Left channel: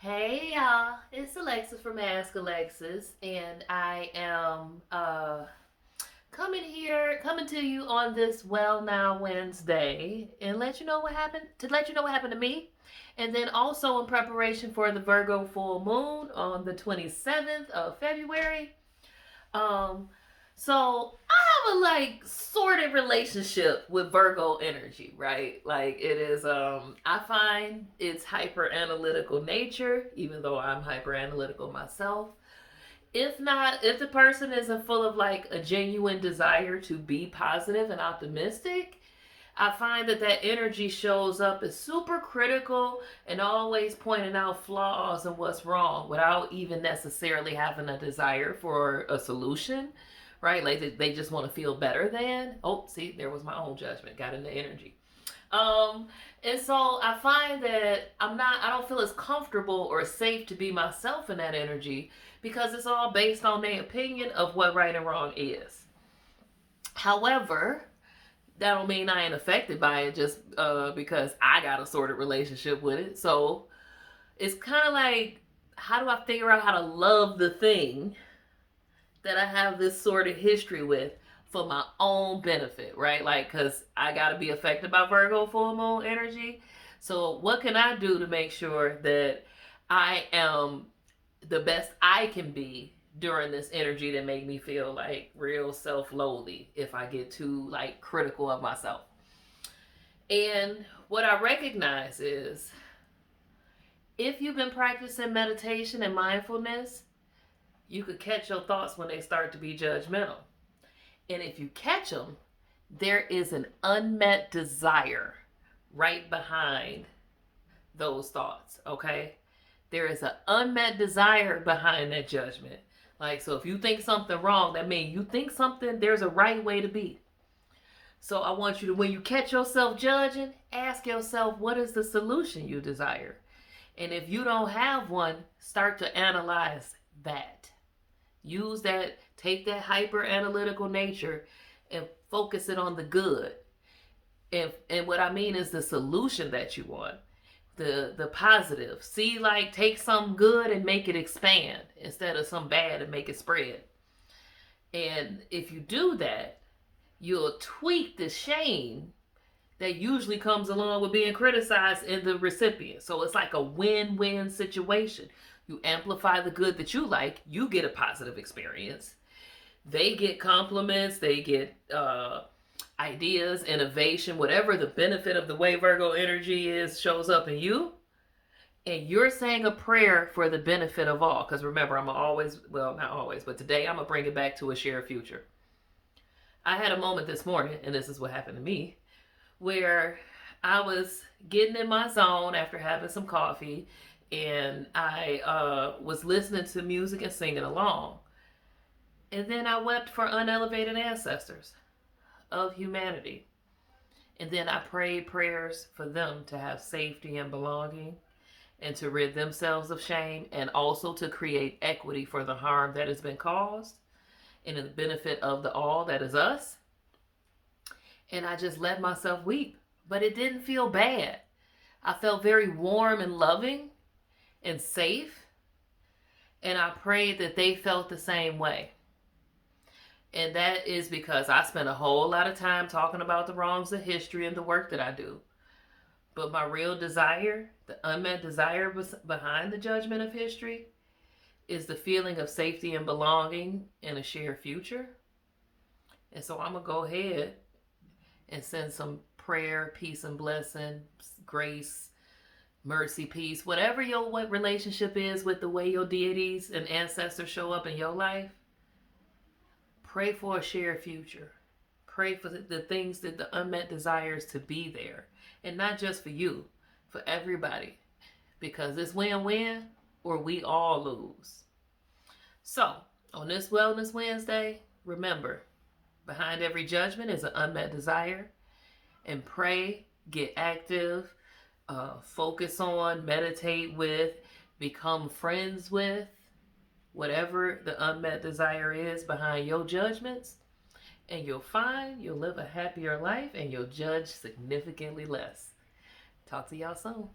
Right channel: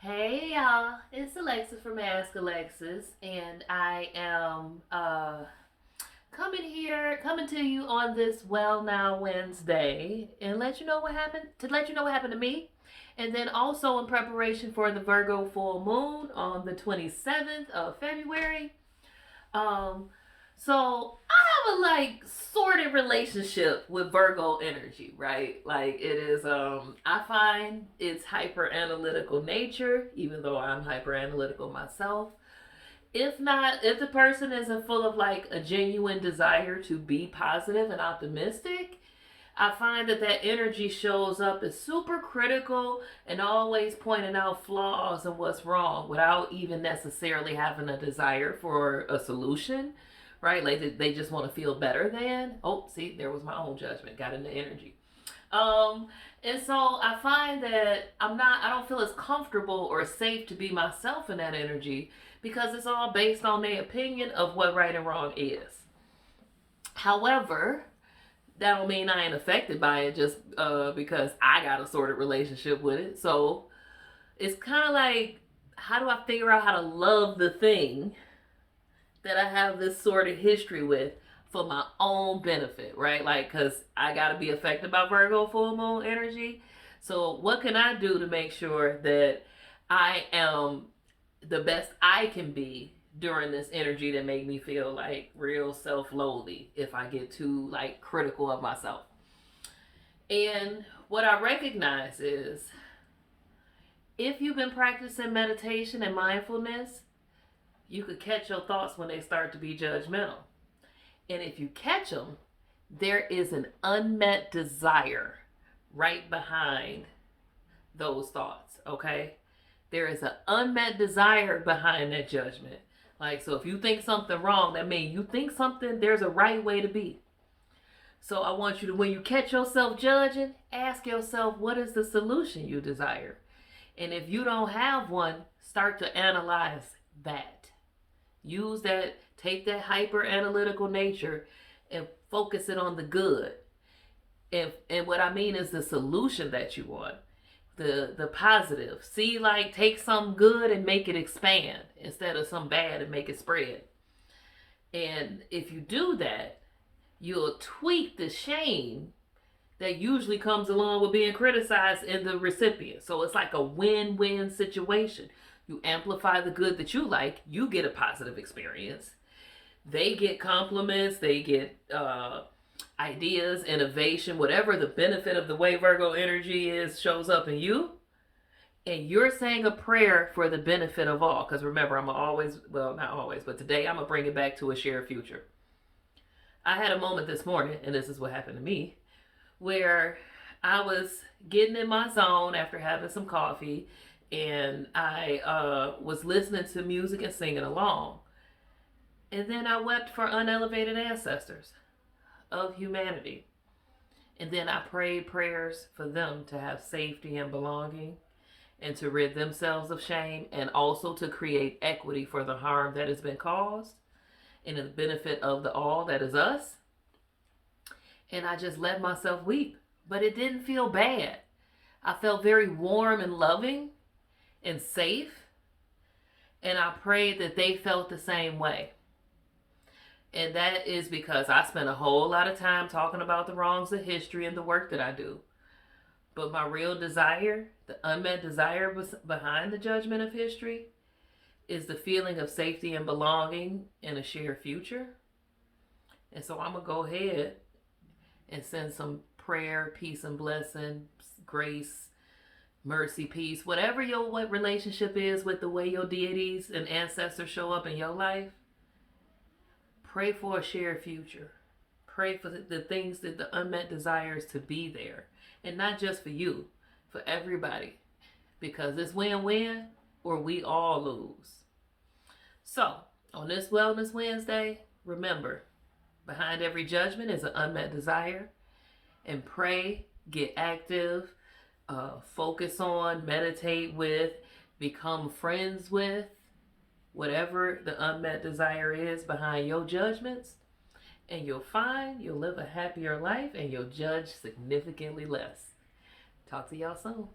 Hey y'all, it's Alexis from Ask Alexis, and I am coming to you on this WellNOW Wednesday, and let you know what happened to me, and then also in preparation for the Virgo full moon on the 27th of February. Um, so I have a sorted relationship with Virgo energy, right? Like it is I find its hyper analytical nature, even though I'm hyper analytical myself. If the person isn't full of like a genuine desire to be positive and optimistic, I find that energy shows up as super critical and always pointing out flaws and what's wrong without even necessarily having a desire for a solution, right? Like they just want to feel better than. Oh, see, there was my own judgment. Got into energy. Um, and so I find that I don't feel as comfortable or safe to be myself in that energy because it's all based on their opinion of what right and wrong is. However, that don't mean I ain't affected by it just because I got a sorted relationship with it. So it's kind of like, how do I figure out how to love the thing that I have this sort of history with for my own benefit, right? Like, because I got to be affected by Virgo full moon energy. So, what can I do to make sure that I am the best I can be during this energy that make me feel like real self-loathing if I get too like critical of myself? And what I recognize is if you've been practicing meditation and mindfulness, you could catch your thoughts when they start to be judgmental. And if you catch them, there is an unmet desire right behind those thoughts, okay? There is an unmet desire behind that judgment. Like, so if you think something wrong, that means you think something, there's a right way to be. So I want you to, when you catch yourself judging, ask yourself, what is the solution you desire? And if you don't have one, start to analyze that. Use that, take that hyper analytical nature and focus it on the good. And what I mean is the solution that you want. The positive. See, like take some good and make it expand instead of some bad and make it spread. And if you do that, you'll tweak the shame that usually comes along with being criticized in the recipient. So it's like a win-win situation. You amplify the good that you like, you get a positive experience. They get compliments, they get ideas, innovation, whatever the benefit of the way Virgo energy is shows up in you. And you're saying a prayer for the benefit of all. Because remember, I'm always, well, not always, but today I'm going to bring it back to a shared future. I had a moment this morning, and this is what happened to me, where I was getting in my zone after having some coffee, and I was listening to music and singing along. And then I wept for unelevated ancestors of humanity. And then I prayed prayers for them to have safety and belonging and to rid themselves of shame and also to create equity for the harm that has been caused and the benefit of the all that is us. And I just let myself weep. But it didn't feel bad. I felt very warm and loving and safe. And I prayed that they felt the same way. And that is because I spent a whole lot of time talking about the wrongs of history and the work that I do. But my real desire, the unmet desire behind the judgment of history, is the feeling of safety and belonging in a shared future. And so I'm going to go ahead and send some prayer, peace and blessing, grace, mercy, peace, whatever your what relationship is with the way your deities and ancestors show up in your life. Pray for a shared future. Pray for the things that the unmet desires to be there. And not just for you, for everybody. Because it's win-win or we all lose. So, on this Wellness Wednesday, remember, behind every judgment is an unmet desire. And pray, get active, focus on, meditate with, become friends with, whatever the unmet desire is behind your judgments. And you'll find you'll live a happier life and you'll judge significantly less. Talk to y'all soon.